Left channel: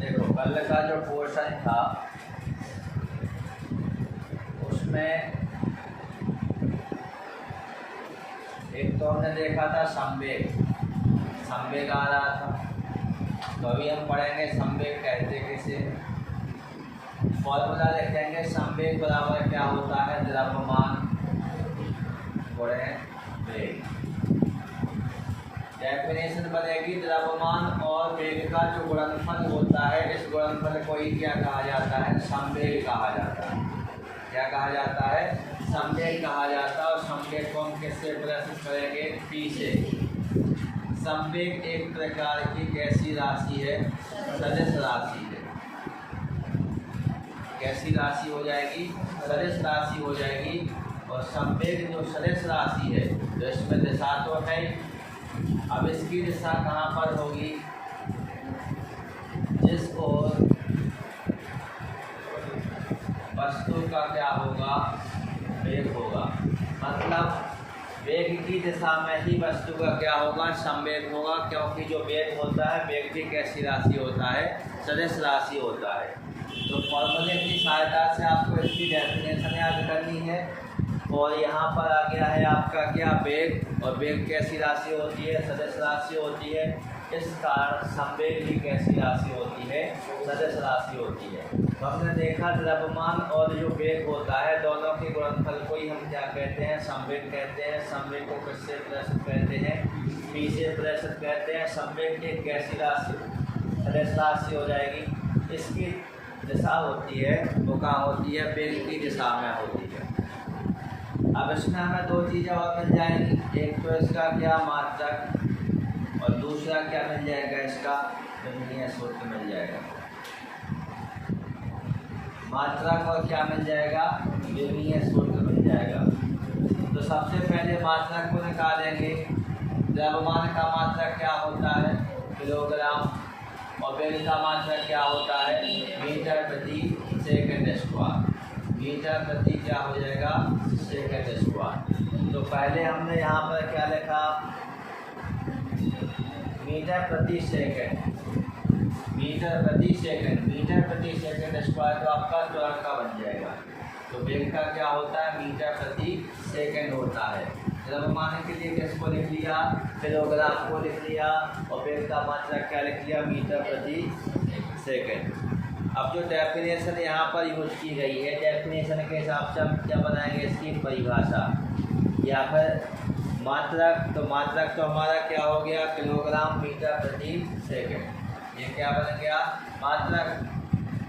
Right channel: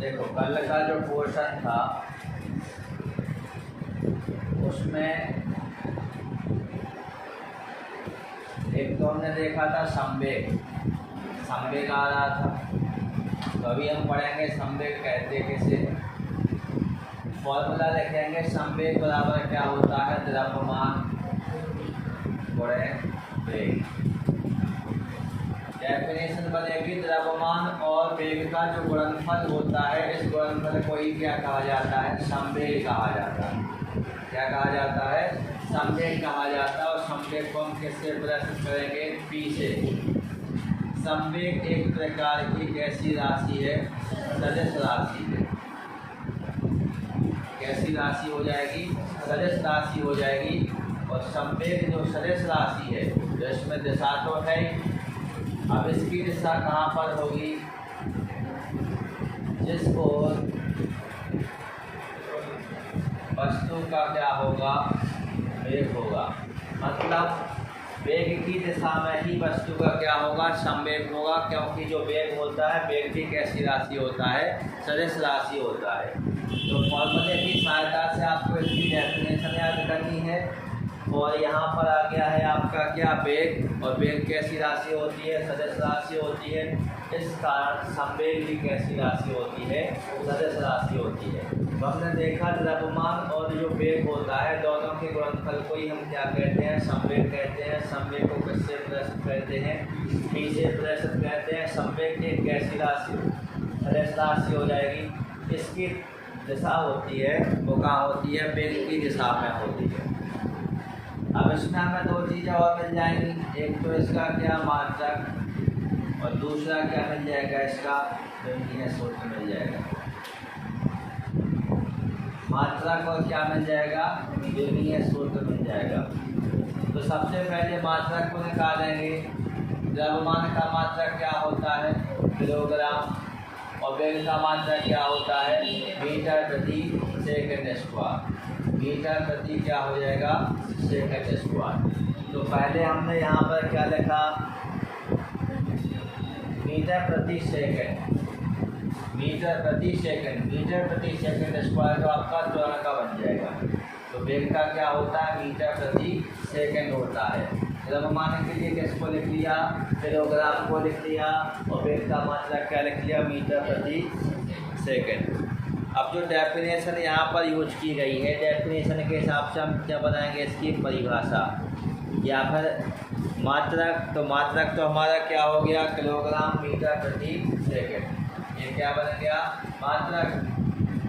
देखो कल का जो पोर्शन था उसमें एक तो हमने देखा था संवेग आ रहा था। तो अभी हम पढ़ेंगे संवेग कहते किसे। फॉर्मूला लिखेंगे संवेग बराबर क्या होता है, द्रव्यमान गुणे वेग। डेफिनेशन बनेगी द्रव्यमान और वेग का जो गुणनफल होता है, इस गुणनफल को ही क्या कहा जाता है, संवेग कहा जाता है। क्या कहा जाता है, संवेग कहा जाता है। और संवेग को हम किससे प्रदर्शित करेंगे, पी से। संवेग एक प्रकार की कैसी राशि है, सदिश राशि है। कैसी राशि हो जाएगी, सदिश राशि हो जाएगी। और संवेग जो सदिश राशि है, तो इसमें दिशा तो है। अब इसकी दिशा कहाँ पर होगी, जिस ओर वस्तु का क्या होगा, वेग होगा। मतलब वेग की दिशा में ही वस्तु का क्या होगा, संवेग होगा। क्योंकि जो वेग होता है, वेग भी कैसी राशि होता है, सदिश राशि होता है। तो फॉर्मूले की सहायता से आपको इसकी डेफिनेशन याद करनी है। और यहाँ पर आ गया है आपका क्या, वेग। और वेग कैसी राशि होती है, सदिश राशि होती है। इस कारण संवेग भी कैसी राशि होती है, सदिश राशि होती है। तो हमने देखा द्रव्यमान और जो वेग होता है, दोनों के गुणनफल को ही हम क्या कहते हैं, संवेग कहते हैं। संवेग को किससे प्रदर्शित करते हैं, पी से प्रदर्शित करते हैं। संवेग एक कैसी राशि, सदिश राशि हो जाएगी। इसकी दिशा होती है वो कहाँ होती है, वेग की दिशा में होती है। अब इसमें हमें दो चीज़ें और मिल जाएंगी। एक तो इसका क्या, मात्रक, और दूसरा क्या मिल जाएगा, इसका गणितीय सूत्र मिल जाएगा। मात्रक और क्या मिल जाएगा, गणितीय सूत्र मिल जाएगा। तो सबसे पहले मात्रक को निकालेंगे। द्रव्यमान का मात्रक क्या होता है, किलोग्राम। और वेग का मात्रक क्या होता है, मीटर प्रति सेकंड स्क्वायर। मीटर प्रति क्या हो जाएगा, सेकंड स्क्वायर। तो पहले हमने यहाँ पर क्या लिखा, मीटर प्रति सेकंड। मीटर प्रति सेकंड, मीटर प्रति सेकंड स्क्वायर तो आपका त्वरण का बन जाएगा। तो वेग का क्या होता है, मीटर प्रति सेकंड होता है। द्रव्यमान के लिए किसको लिख लिया, किलोग्राम को लिख लिया। और वेग का मात्रक क्या लिख लिया, मीटर प्रति सेकंड। अब जो डेफिनेशन यहाँ पर यूज की गई है, डेफिनेशन के हिसाब से हम क्या बनाएंगे, इसकी परिभाषा या फिर मात्रक। तो मात्रक तो हमारा क्या हो गया, किलोग्राम मीटर प्रति सेकंड। ये क्या बन गया, मात्रक।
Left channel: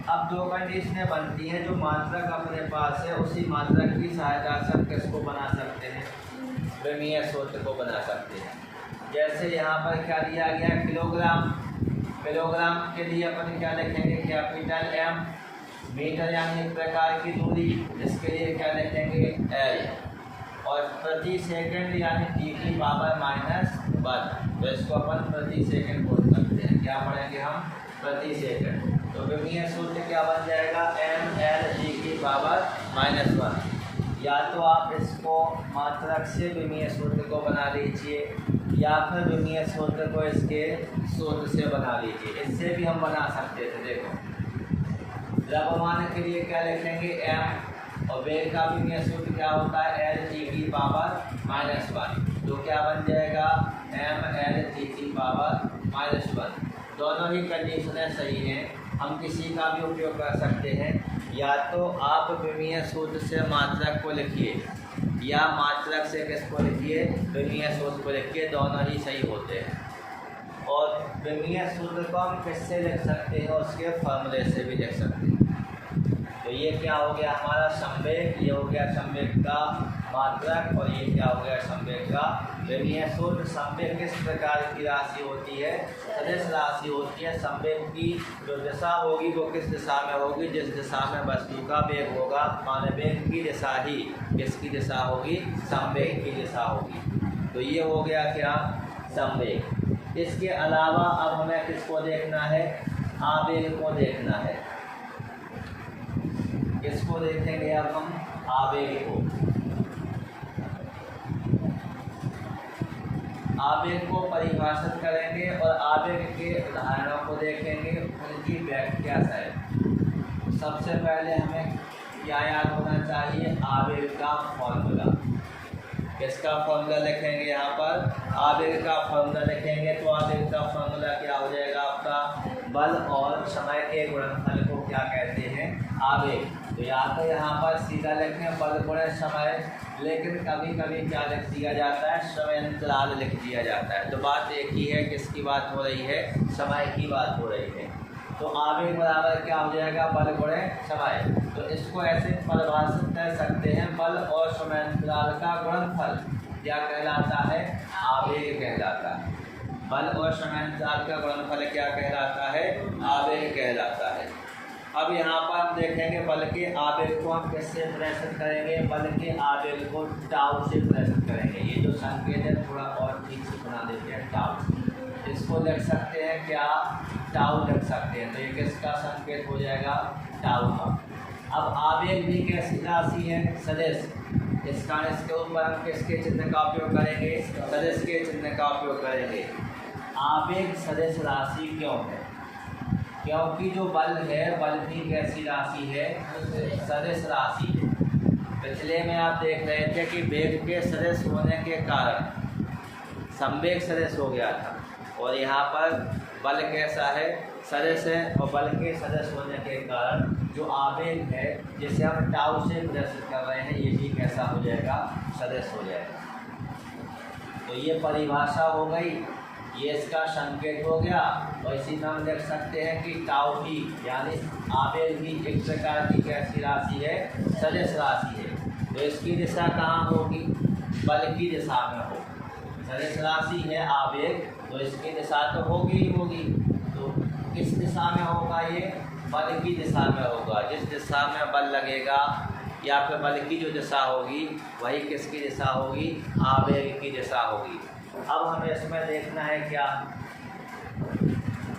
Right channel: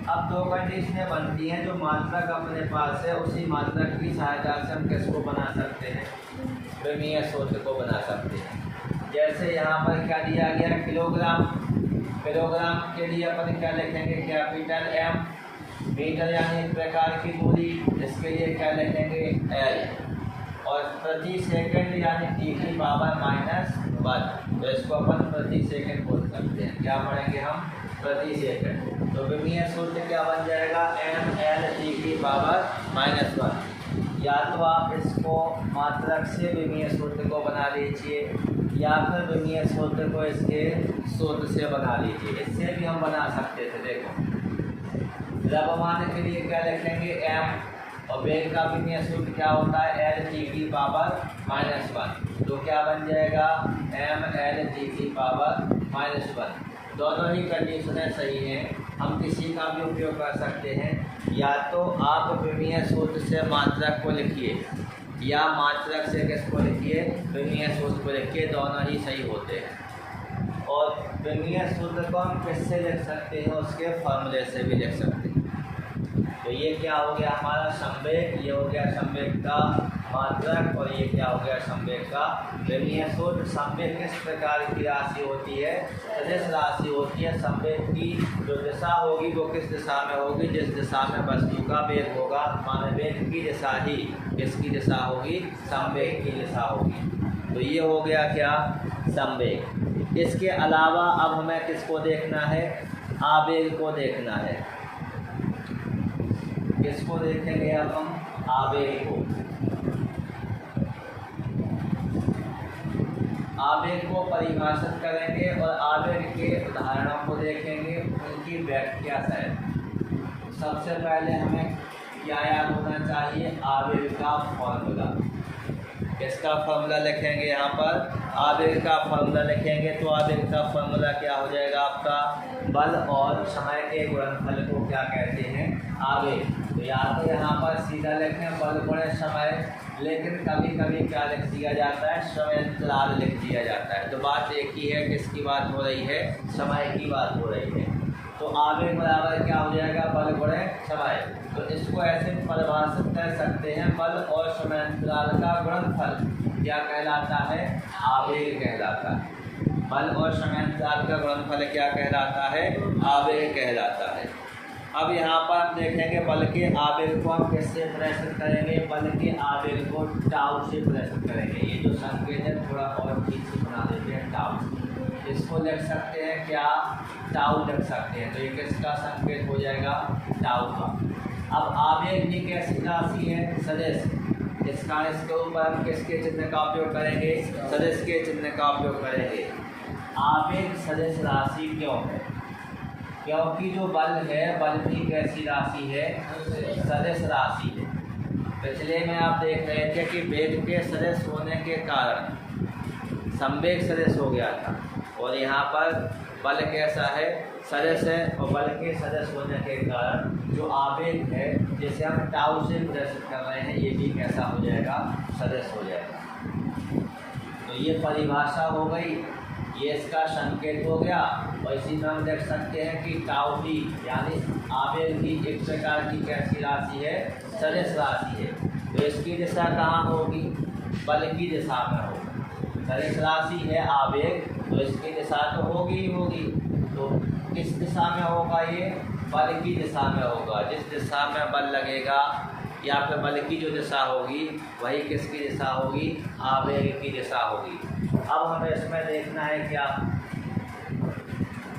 अब दो कंडीशनें बनती हैं। जो मात्रक अपने पास है, उसी मात्रक की सहायता से हम किसको बना सकते हैं, गणितीय सूत्र को बना सकते हैं। जैसे यहाँ पर क्या दिया गया, किलोग्राम। किलोग्राम के लिए अपन क्या लिखेंगे, कैपिटल एम। मीटर यानी एक प्रकार की दूरी, इसके लिए क्या लिखेंगे, एल। और प्रति सेकंड यानी टी की पावर -1। तो इसको अपन प्रति सेकंड बोल सकते हैं। क्या पढ़ेंगे हम, प्रति सेकंड। तो गणितीय सूत्र क्या बन जाएगा, एम एल टी की पावर -1। या तो आप इसको मात्रक से गणितीय सूत्र को बना लीजिए, या फिर गणितीय सूत्र को इसके सूत्र से बना लीजिए। इससे भी हम बना सकते थे। देखो द्रव्यमान के लिए क्या लिखेंगे, एम। और वेग का गणितीय सूत्र क्या होता है, एल टी की पावर -1। तो क्या बन जाएगा, एम एल टी की पावर -1। दोनों ही कंडीशनें सही हैं। हम किसी का भी उपयोग कर सकते हैं। या तो आप गणितीय सूत्र से मात्रक को लिखिए, या मात्रक से किसको लिखिए, गणितीय सूत्र को लिखिए। दोनों ही सही होते हैं। और गणितीय सूत्र को हम किससे लिख सकते हैं, उसके फॉर्मूले से भी लिख सकते हैं। तो ये क्या हो गया हमारा संवेग, ये हो गया संवेग का मात्रक, और ये क्या हो गया संवेग का गणितीय सूत्र। संवेग किस प्रकार की राशि होती है, सदिश राशि होती है। संवेग की जो दिशा होगी वो किस दिशा में होगी, जिस दिशा में वस्तु का वेग होगा। माने वेग की दिशा ही किसकी दिशा होगी, संवेग की दिशा होगी। तो ये हो गया क्या, संवेग। इसके अलावा अब हमें किसको देखना है, आवेग को देखना है। किसको देखेंगे अब हम, आवेग को। आवेग को परिभाषित करेंगे और आवेग के उदाहरणों को देखेंगे, उनकी व्याख्या करें। सबसे पहले हमें क्या याद होना चाहिए? आवेग का फॉर्मूला। इसका फॉर्मूला लिखेंगे यहाँ पर, आवेग का फॉर्मूला लिखेंगे तो आवेग का फॉर्मूला क्या हो जाएगा आपका? बल और समय के गुणनफल को क्या कहते हैं? आवेग। तो या तो यहाँ पर सीधा लिखें बल गुणे समय, लेकिन कभी कभी क्या लिख दिया जाता है? समय अंतराल लिख दिया जाता है। तो बात एक ही है, किसकी बात हो रही है? समय की बात हो रही है। तो आवेग बराबर क्या हो जाएगा? बल गुणे समय। तो इसको ऐसे परिभाषित कर सकते हैं, बल और समय अंतराल का गुणनफल क्या कहलाता है? आवेग कहलाता है। बल और समय अंतराल का गुणनफल क्या कहलाता है? आवेग कहलाता है। अब यहाँ पर हम देखेंगे बल के आवेग को हम किससे प्रदर्शित करेंगे? बल के आवेग को टाउ से प्रदर्शित करेंगे। ये जो संकेत है थोड़ा और ठीक से बना देते हैं, टाउ। इसको लिख सकते हैं क्या? टाउ लिख सकते हैं। तो ये किसका संकेत हो जाएगा? टाउ का। अब आवेग भी कैसी राशि है? सदिश। इसका इसके ऊपर हम किसके चिन्ह का उपयोग करेंगे? सदिश के चिन्ह का उपयोग करेंगे। आवेग सदिश राशि क्यों है? क्योंकि जो बल है, बल भी कैसी राशि है? सदिश राशि है। पिछले में आप देख रहे थे कि वेग के सदिश होने के कारण संवेग सदिश हो गया था, और यहाँ पर बल कैसा है? सदिश है। और बल के सदिश होने के कारण जो आवेग है, जिसे हम टाउ से प्रदर्शित कर रहे हैं, ये भी कैसा हो जाएगा? सदिश हो जाएगा। तो ये परिभाषा हो गई, ये इसका संकेत हो गया। और इसी में हम देख सकते हैं कि टाउ भी यानी आवेग भी एक प्रकार की कैसी राशि है? सदिश राशि है। तो इसकी दिशा कहाँ होगी? बल की दिशा में होगी। सदिश राशि है आवेग, तो इसकी दिशा तो होगी ही होगी। तो किस दिशा में होगा ये? बल की दिशा में होगा। जिस दिशा में बल लगेगा या फिर बल की जो दिशा होगी वही किसकी दिशा होगी? आवेग की दिशा होगी। अब हमें इसमें देखना है क्या?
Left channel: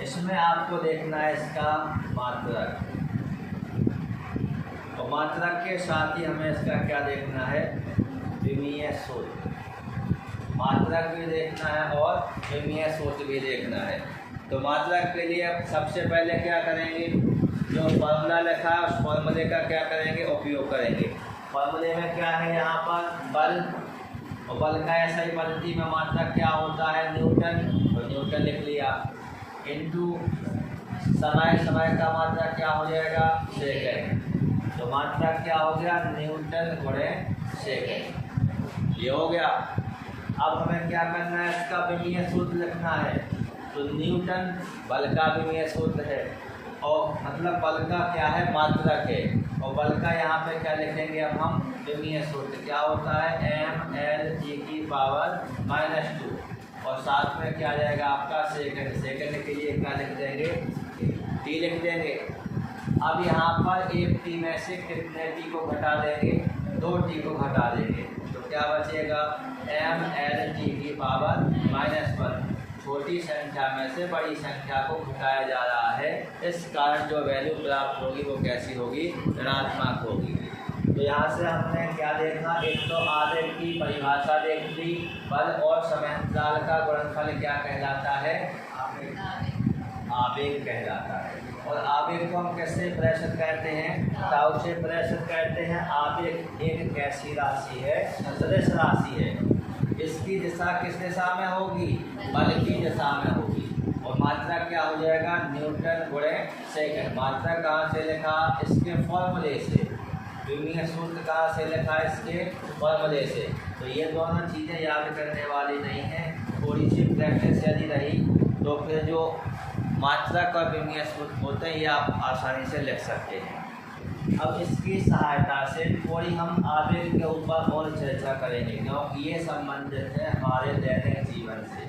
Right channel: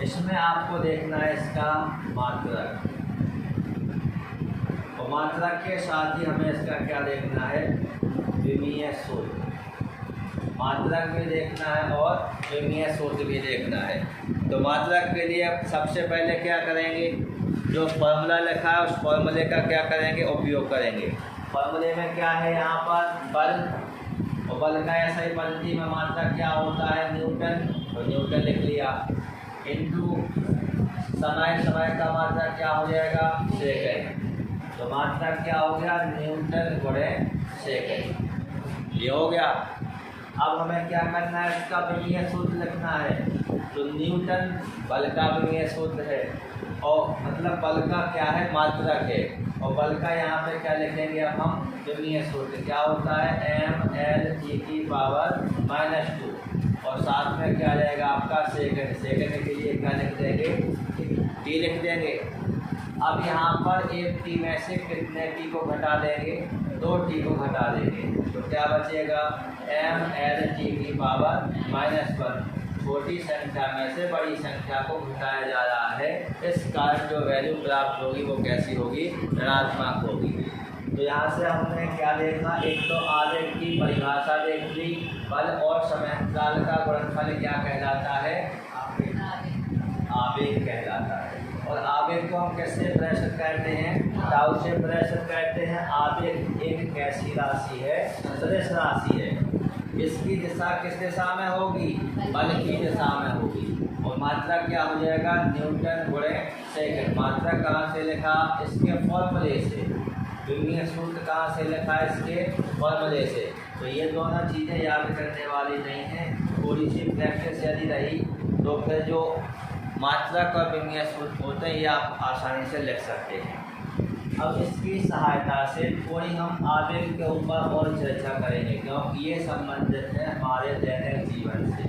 इसमें आपको देखना है इसका मात्रक, और मात्रक के साथ ही हमें इसका क्या देखना है? विमीय सूत्र। मात्रक भी देखना है और विमीय सूत्र भी देखना है। तो मात्रक के लिए सबसे पहले क्या करेंगे? जो फॉर्मूला लिखा है उस फॉर्मूले का क्या करेंगे? उपयोग करेंगे। फॉर्मूले में क्या है? यहाँ पर बल, और बल का ऐसा ही पद्धति में मात्रक क्या होता है? न्यूटन। और न्यूटन लिख लिया, इनटू समय। समय का मात्रक क्या हो जाएगा? सेकंड। तो मात्रक क्या हो गया? न्यूटन गुणे सेकंड। ये हो गया। अब हमें क्या करना है? इसका विमीय सूत्र लिखना है। तो न्यूटन बल का विमीय सूत्र है, और मतलब बल का क्या है? मात्रक है। और बल का यहाँ पे क्या लिखेंगे? अब हम विमीय सूत्र क्या होता है? mL/-2, और साथ में क्या जाएगा आपका? सेकंड। सेकंड के लिए क्या लिख देंगे? टी लिख देंगे। अब यहाँ पर एक टी में से कितने टी को घटा देंगे? 2 टी को घटा देंगे। तो क्या बचेगा? mL/-1। छोटी संख्या में से बड़ी संख्या को घटाया जा रहा है, इस कारण जो वैल्यू प्राप्त होगी वो कैसी होगी? ऋणात्मक होगी। तो यहाँ से हमने क्या देखा? एक तो आवेग की परिभाषा देख ली, बल और समय अंतराल का गुणनफल क्या कहलाता है? आवेग कहलाता है। और आवेग को हम कैसे प्रदर्शित करते हैं? टाउ से प्रदर्शित करते हैं। आवेग एक कैसी राशि है? सदिश राशि है। इसकी दिशा किस दिशा में होगी? बल की दिशा में होगी। और मात्रा क्या हो जाएगा? न्यूटन गुणे सेकंड। मात्रा कहाँ से लिखा? इसके फॉर्मूले से। विमीय सूत्र कहाँ से लिखा? इसके फॉर्मूले से। तो ये दोनों चीज़ें याद करने वाली नहीं हैं। थोड़ी सी प्रैक्टिस यदि रही तो फिर जो मात्रक और विमीय सूत्र होते हैं ये आप आसानी से लिख सकते हैं। अब इसकी सहायता से थोड़ी हम आवेग के ऊपर और चर्चा करेंगे, क्योंकि ये संबंधित है हमारे दैनिक जीवन से।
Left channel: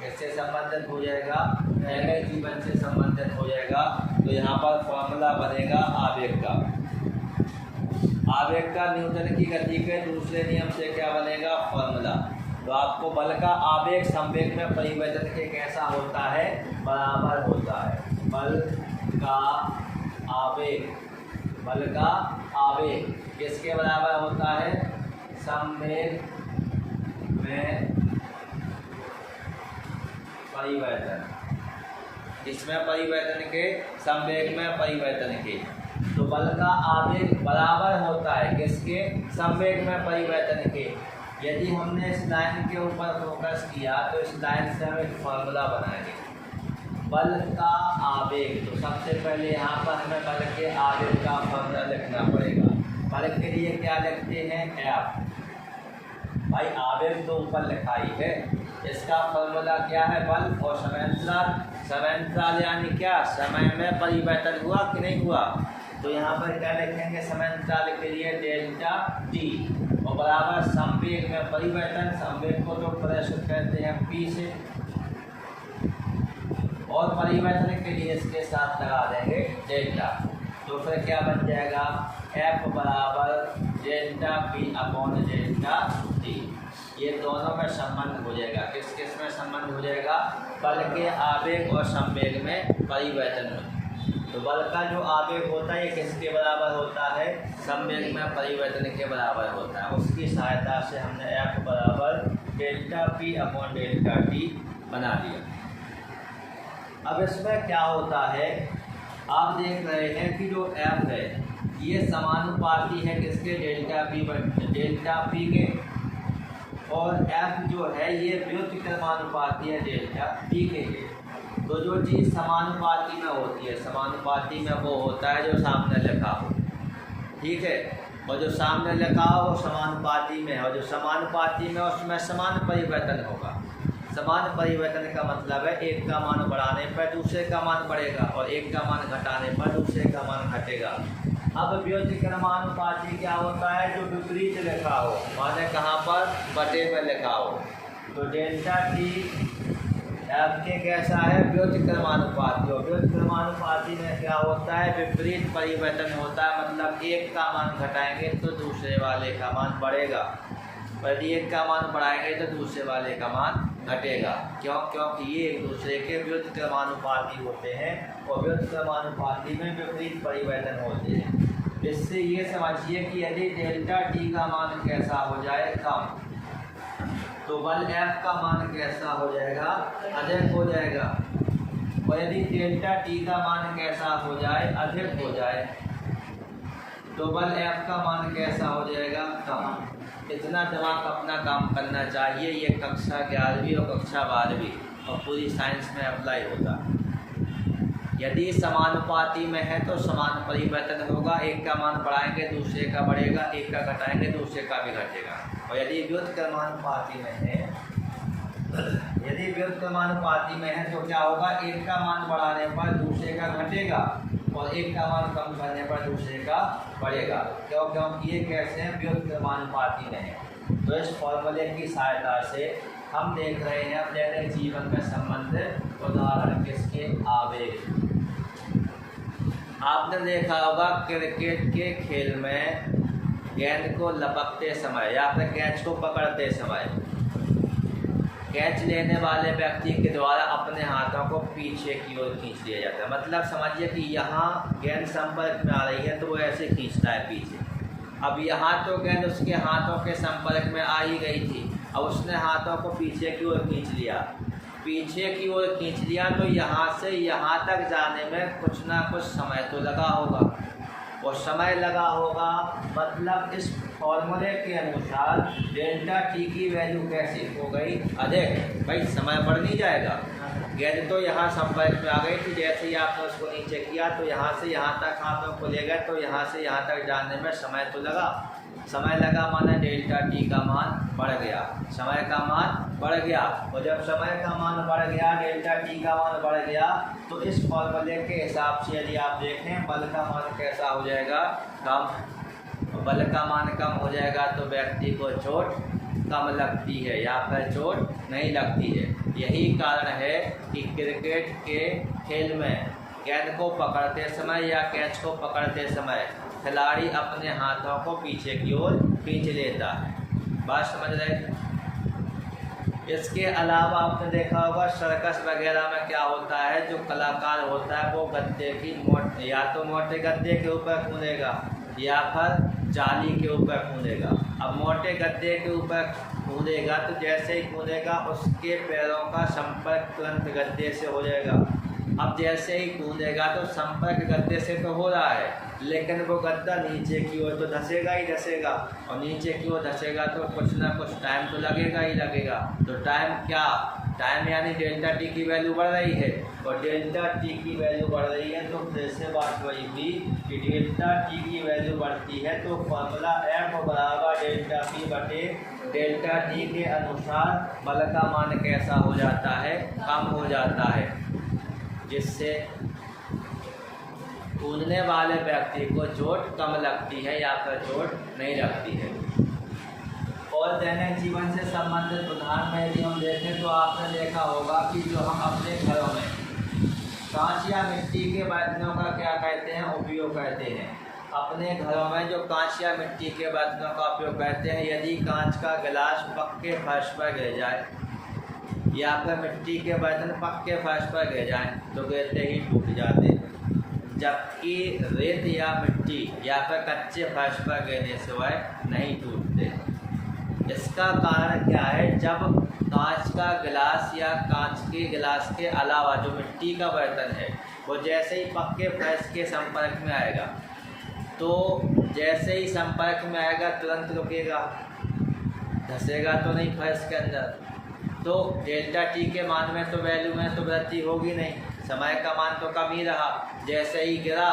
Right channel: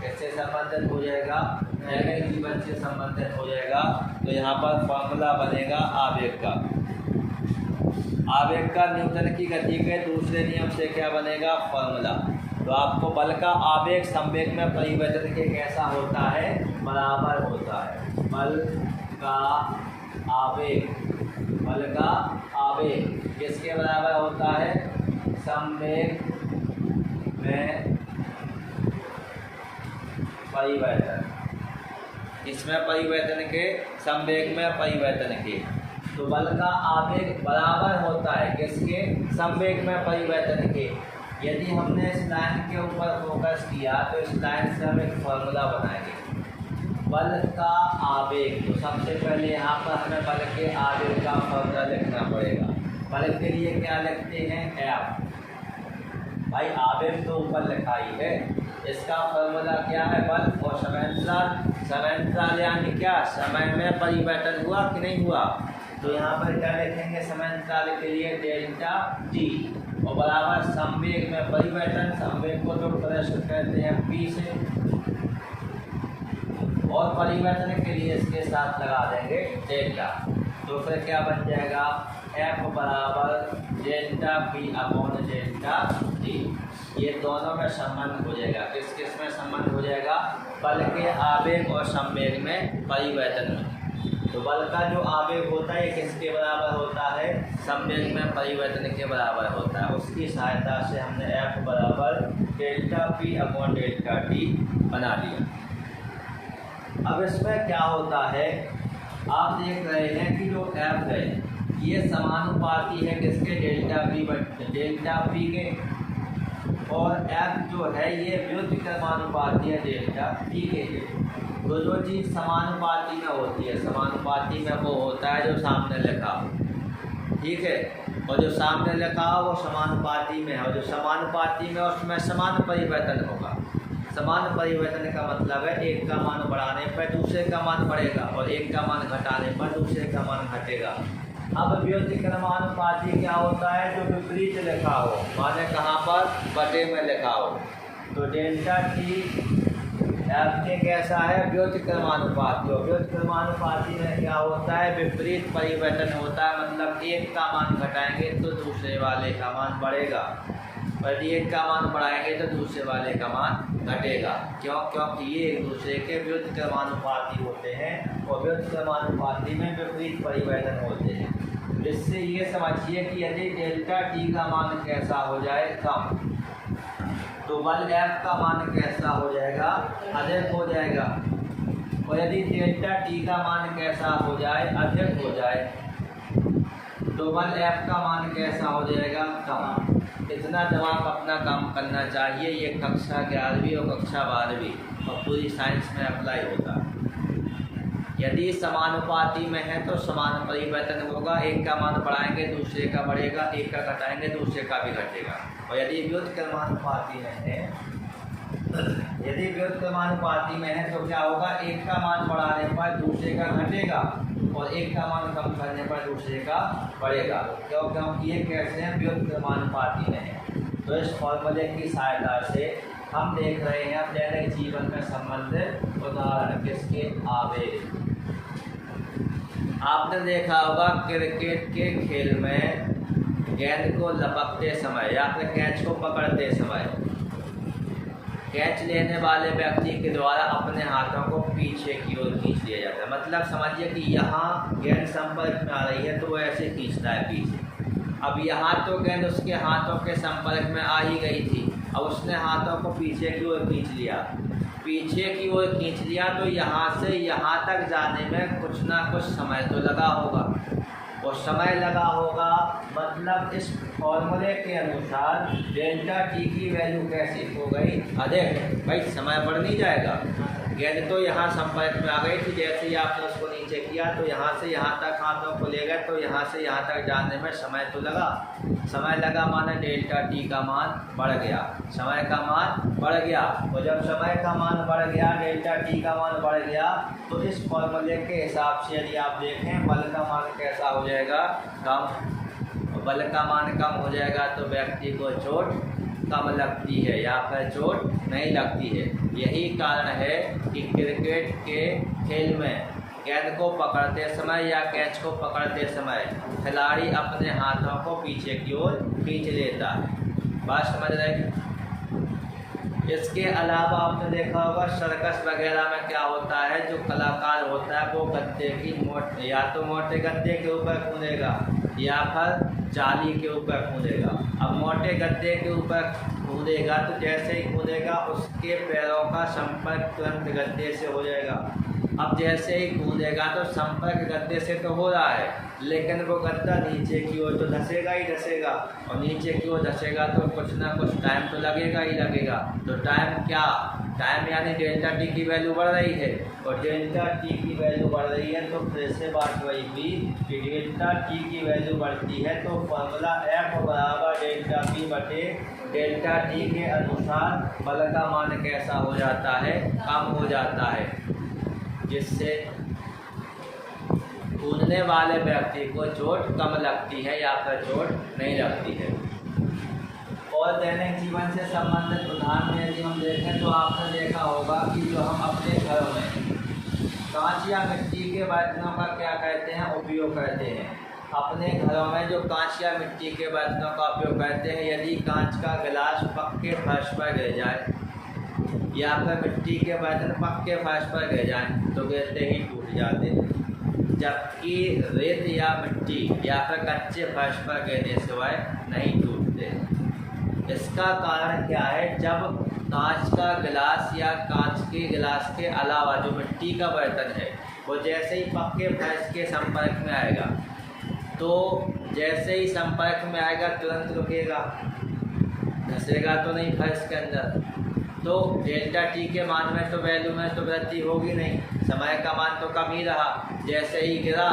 कैसे संबंधित हो जाएगा? दैनिक जीवन से संबंधित हो जाएगा। तो यहाँ पर फॉर्मूला बनेगा आवेग का। आवेग का न्यूटन की गति के दूसरे नियम से क्या बनेगा? फॉर्मूला। तो आपको बल का आवेग संवेग में परिवर्तन के कैसा होता है? बराबर होता है। बल का आवेग, बल का आवेग किसके बराबर होता है? संवेग में परिवर्तन, इसमें परिवर्तन के, संवेग में परिवर्तन के। तो बल का आवेग बराबर होता है किसके, संवेग में परिवर्तन के। यदि हमने इस लाइन के ऊपर फोकस किया तो इस लाइन से हम एक फॉर्मूला बनाएंगे बल का आवेग। तो सबसे पहले यहाँ पर हमें बल के आवेग का फॉर्मूला लिखना पड़ेगा। बल के लिए क्या लिखते हैं, F। भाई आवेग तो ऊपर लिखा ही है, इसका फॉर्मूला क्या है, बल और समांतराल। समांतराल यानी क्या, समय में परिवर्तन हुआ कि नहीं हुआ। तो यहाँ पर क्या लिखेंगे, समांतराल के लिए डेल्टा टी और बराबर संवेग में परिवर्तन। संवेग को तो प्रदर्शित करते हैं पी से, और परिवर्तन के लिए इसके साथ लगा देंगे डेल्टा। तो फिर क्या बन जाएगा, एफ बराबर delta P upon delta T. ये दोनों में संबंध हो जाएगा, किस किस में संबंध हो जाएगा, बल के आवेग और संवेग में परिवर्तन में। तो बल का जो आवेग होता है ये किसके बराबर होता है, संवेग में परिवर्तन के बराबर होता है। उसकी सहायता से हमने एफ बराबर delta P upon delta T बना दिया। अब इसमें क्या होता है, आप देख रहे हैं कि जो एफ है ये समानुपाती है किसके, डेल्टा पी के, और एफ जो है ये व्युत्क्रमानुपाती है डेल्टा टी के। तो जो चीज़ समानुपाती में होती है, समानुपाती में वो होता है जो सामने लिखा हो, ठीक है, और जो सामने लिखा हो वो समानुपाती में है, और जो समानुपाती में उसमें समान परिवर्तन होगा। समान परिवर्तन का मतलब है एक का मान बढ़ाने पर दूसरे का मान बढ़ेगा और एक का मान घटाने पर दूसरे का मान घटेगा। अब व्युत्क्रमानुपाती क्या होता है, जो विपरीत लिखा हो, माने कहाँ पर, बटे में लिखा हो। तो डेल्टा टी एफ के कैसा है, व्युत्क्रमानुपाती। और व्युत्क्रमानुपाती में क्या होता है, विपरीत परिवर्तन होता है, मतलब एक का मान घटाएंगे तो दूसरे वाले का मान बढ़ेगा, यदि एक का मान बढ़ाएंगे तो दूसरे वाले का मान घटेगा। क्यों, क्योंकि ये एक दूसरे के व्युत्क्रमानुपाती होते हैं और व्युत्क्रमानुपाती में विपरीत परिवर्तन होते हैं। इससे ये समझिए कि यदि डेल्टा टी का मान कैसा हो जाए, कम, तो बल एफ का मान कैसा हो जाएगा, अधिक हो जाएगा। और यदि डेल्टा टी का मान कैसा हो जाए, अधिक हो जाए, तो बल एफ का मान कैसा हो जाएगा, कम। इतना दिमाग अपना काम करना चाहिए। ये कक्षा 11वीं और कक्षा 12वीं और पूरी साइंस में अप्लाई होता है। यदि समानुपाती में है तो समान परिवर्तन होगा, एक का मान बढ़ाएंगे दूसरे का बढ़ेगा, एक का घटाएंगे दूसरे का भी घटेगा। और यदि व्युत्क्रमानुपाती में है, यदि व्युत्क्रमानुपाती में है तो क्या होगा, एक का मान बढ़ाने पर दूसरे का घटेगा और एक का मान कम करने पर दूसरे का बढ़ेगा। क्यों, क्योंकि ये कैसे हैं, व्युत्क्रमानुपाती में है। तो इस फॉर्मूले की सहायता से हम देख रहे हैं दैनिक जीवन में संबंधित उदाहरण किसके, आवेग। आपने देखा होगा क्रिकेट के खेल में गेंद को लपकते समय या फिर कैच को पकड़ते समय कैच लेने वाले व्यक्ति के द्वारा अपने हाथों को पीछे की ओर खींच लिया जाता है। मतलब समझिए कि यहाँ गेंद संपर्क में आ रही है तो वो ऐसे खींचता है पीछे। अब यहाँ तो गेंद उसके हाथों के संपर्क में आ ही गई थी, अब उसने हाथों को पीछे की ओर खींच लिया। पीछे की ओर खींच लिया तो यहाँ से यहाँ तक जाने में कुछ ना कुछ समय तो लगा होगा, और समय लगा होगा मतलब इस फॉर्मूले के अनुसार डेल्टा टी की वैल्यू कैसी हो गई, अधिक। भाई समय बढ़ नहीं जाएगा, गेंद तो यहाँ संपर्क में आ गई थी, जैसे ही आपने उसको नीचे किया तो यहाँ से यहाँ तक हाथों को ले गए, तो यहाँ से यहाँ तक जाने में समय तो लगा। समय लगा माने डेल्टा टी का मान बढ़ गया, समय का मान बढ़ गया। और जब समय का मान बढ़ गया, डेल्टा टी का मान बढ़ गया, तो इस फॉर्मूले के हिसाब से यदि आप देखें बल का मान कैसा हो जाएगा, कम। बल का मान कम हो जाएगा तो व्यक्ति को चोट कम लगती है या फिर चोट नहीं लगती है। यही कारण है कि क्रिकेट के खेल में गेंद को पकड़ते समय या कैच को पकड़ते समय खिलाड़ी अपने हाथों को पीछे की ओर खींच लेता है। बात समझ रहे? इसके अलावा आपने देखा होगा सर्कस वगैरह में क्या होता है, जो कलाकार होता है वो गद्दे की या तो मोटे गद्दे के ऊपर कूदेगा या फिर जाली के ऊपर कूदेगा। अब मोटे गद्दे के ऊपर कूदेगा तो जैसे ही कूदेगा उसके पैरों का संपर्क तुरंत गद्दे से हो जाएगा। अब जैसे ही कूदेगा तो संपर्क गद्दे से तो हो रहा है, लेकिन वो गद्दा नीचे की ओर तो धंसेगा ही धंसेगा, और नीचे की ओर धंसेगा तो कुछ ना कुछ टाइम तो लगेगा ही लगेगा। तो टाइम क्या, टाइम यानी डेल्टा टी की वैल्यू बढ़ रही है, और डेल्टा टी की वैल्यू बढ़ रही है तो फिर से बात वही थी कि डेल्टा टी की वैल्यू बढ़ती है तो फॉर्मूला एफ बराबर डेल्टा पी बटे डेल्टा टी के अनुसार बल का मान कैसा हो जाता है, कम हो जाता है, जिससे कूदने वाले व्यक्ति को चोट कम लगती है या फिर चोट नहीं लगती है। और दैनिक जीवन से संबंधित उदाहरण में यदि हम देखें तो आपने देखा होगा कि जो हम अपने घरों में कांच या मिट्टी के बर्तनों का क्या कहते हैं, उपयोग करते हैं। अपने घरों में जो कांच या मिट्टी के बर्तनों का उपयोग करते हैं, यदि कांच का गिलास पक्के फर्श पर गिर जाए या फिर मिट्टी के बर्तन पक्के फर्श पर गिर जाएं तो गिरते ही टूट जाते हैं, जबकि रेत या मिट्टी या फिर कच्चे फर्श पर गिरने से वह नहीं टूटते। इसका कारण क्या है, जब कांच का गिलास या कांच के गिलास के अलावा जो मिट्टी का बर्तन है वो जैसे ही पक्के फर्श के संपर्क में आएगा तो जैसे ही संपर्क में आएगा तुरंत रुकेगा, धंसेगा तो नहीं फर्श के अंदर। तो डेल्टा टी के मान में तो वैल्यू में तो वृद्धि होगी नहीं, समय का मान तो कम ही रहा। जैसे ही गिरा,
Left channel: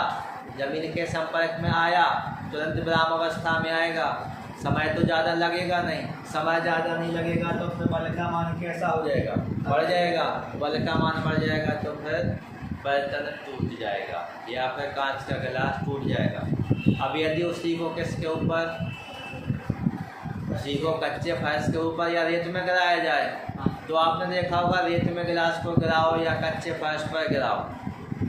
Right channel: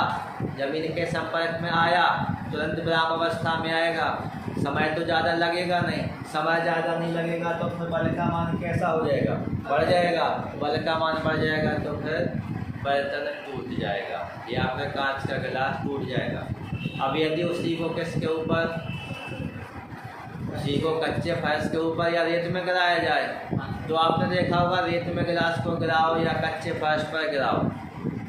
ज़मीन के संपर्क में आया, तुरंत विराम अवस्था में आएगा, समय तो ज़्यादा लगेगा नहीं। समय ज़्यादा नहीं लगेगा तो फिर बल का मान कैसा हो जाएगा, बढ़ जाएगा। बल का मान बढ़ जाएगा तो फिर बर्तन टूट जाएगा या फिर कांच का गिलास टूट जाएगा। अब यदि उसी को किसके ऊपर, उसी को कच्चे फर्श के ऊपर या रेत में गिराया जाए तो आपने देखा होगा रेत में गिलास को गिराओ या कच्चे फर्श पर गिराओ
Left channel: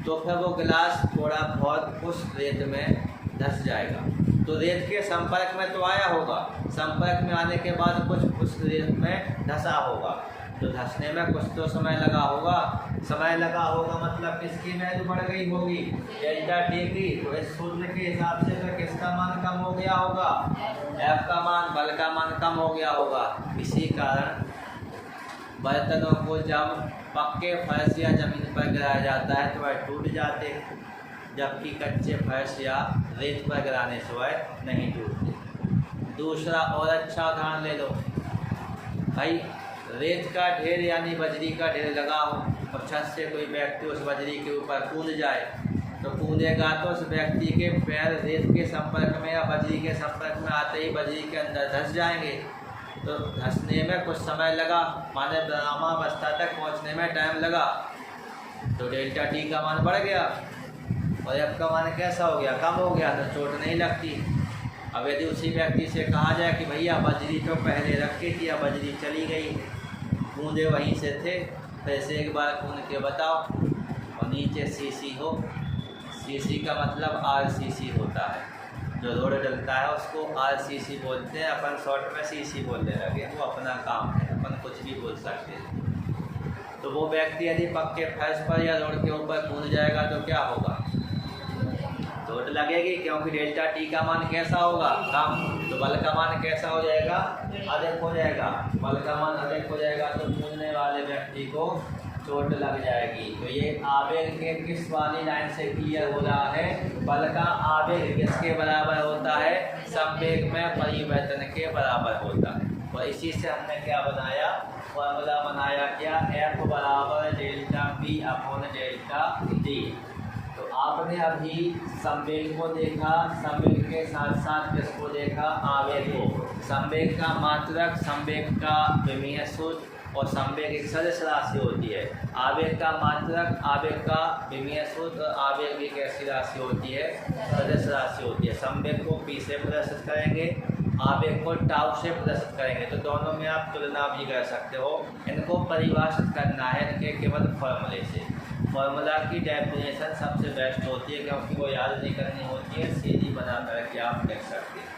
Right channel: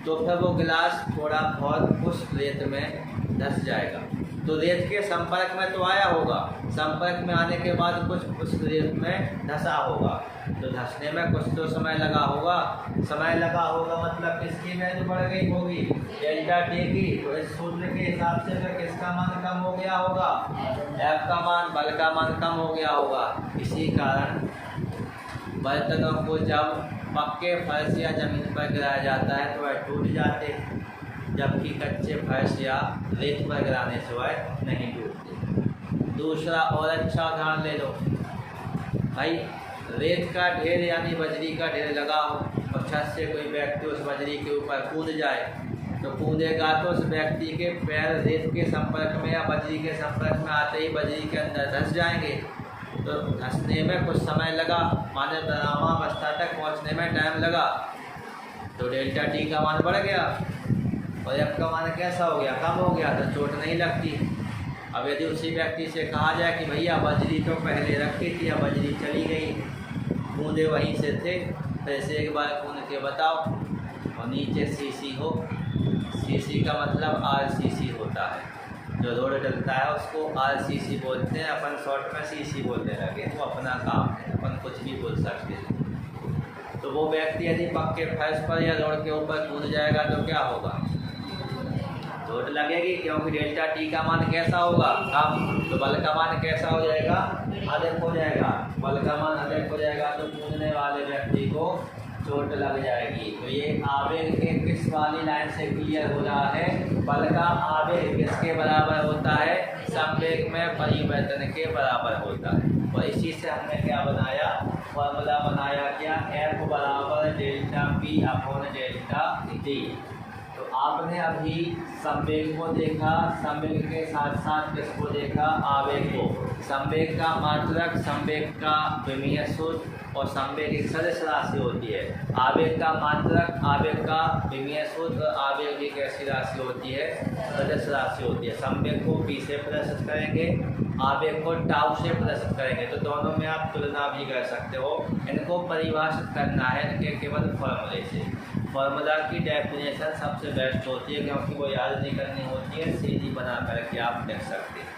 तो फिर वो गिलास थोड़ा बहुत उस रेत में धंस जाएगा। तो रेत के संपर्क में तो आया होगा, संपर्क में आने के बाद कुछ उस रेत में धंसा होगा, तो धंसने में कुछ तो समय लगा होगा। समय लगा होगा मतलब किसकी वैल्यू बढ़ गई होगी, डेल्टा टी की। तो इस सूत्र के हिसाब से फिर किसका मान कम हो गया होगा, एफ का मान, बल का मान कम हो गया होगा। इसी कारण बर्तनों को जब पक्के फर्श या ज़मीन पर गिराया जाता है तो वह टूट जाते, जबकि कच्चे फर्श या रेत पर गिराने से वह नहीं टूटते। दूसरा और अच्छा उदाहरण ले लो भाई, रेत का ढेर यानी बजरी का ढेर लगा हो और छत से कोई व्यक्ति उस बजरी के ऊपर कूद जाए तो कूदेगा तो उस व्यक्ति के पैर रेत के संपर्क में या बजरी के संपर्क में आते ही बजरी के अंदर धंस जाएंगे। तो धंसने में कुछ समय लगा, माने विरामावस्था तक पहुंचने में टाइम लगा, तो डेल्टा टी का मान बढ़ गया और एफ का मान कैसा हो गया, कम हो गया, तो चोट नहीं लगती। अब यदि उसी व्यक्ति से कहा जाए कि भैया बजरी तो पहले रखी थी, अब बजरी चली गई, कूदे वहीं से थे, फिर से एक बार कूद के बताओ, और नीचे सीसी हो, सीसी का मतलब आरसीसी होता है, जो रोड डलता है उसको आरसीसी बोलते हैं। अपन शॉर्ट में सीसी बोलने लगे, वो अपना काम है, अपन कुछ भी बोल सकते हैं। तो वो व्यक्ति यदि पक्के फर्श पर या रोड के ऊपर कूद जाएगा तो क्या होगा, चोट लगेगी, क्योंकि डेल्टा टी का मान कैसा होगा, कम। तो बल का मान कैसा हो जाएगा, अधिक हो जाएगा। बल का मान अधिक हो जाएगा तो कूदने वाले व्यक्ति को चोट लग जाएगी। तो ये आवेग के किस वाली लाइन से क्लियर हो रहा है, बल का आवेग किसके बराबर होता है, संवेग में परिवर्तन के बराबर होता है। और इसी से हमने क्या बनाया, फॉर्मूला बनाया क्या, एफ बराबर delta P upon delta T. तो आपने अभी संवेग को देखा, संवेग के साथ साथ किसको देखा, आवेग को। संवेग का मात्रक, संवेग का विमीय सूत्र और संवेग एक सदिश राशि होती है। आवेग का मात्रक, आवेग का विमीय सूत्र, आवेग भी कैसी राशि होती है, सदिश राशि होती है। संवेग को पी से प्रदर्शित करेंगे, आवेग को टाउ से प्रदर्शित करेंगे। तो दोनों में आप तुलना भी कर सकते हो। इनको परिभाषित करना है इनके केवल फॉर्मूले से। फॉर्मूला की डेफिनेशन सबसे बेस्ट होती है, क्योंकि वो याद नहीं करनी होती है, सीधी बना करके आप लिख सकते हैं।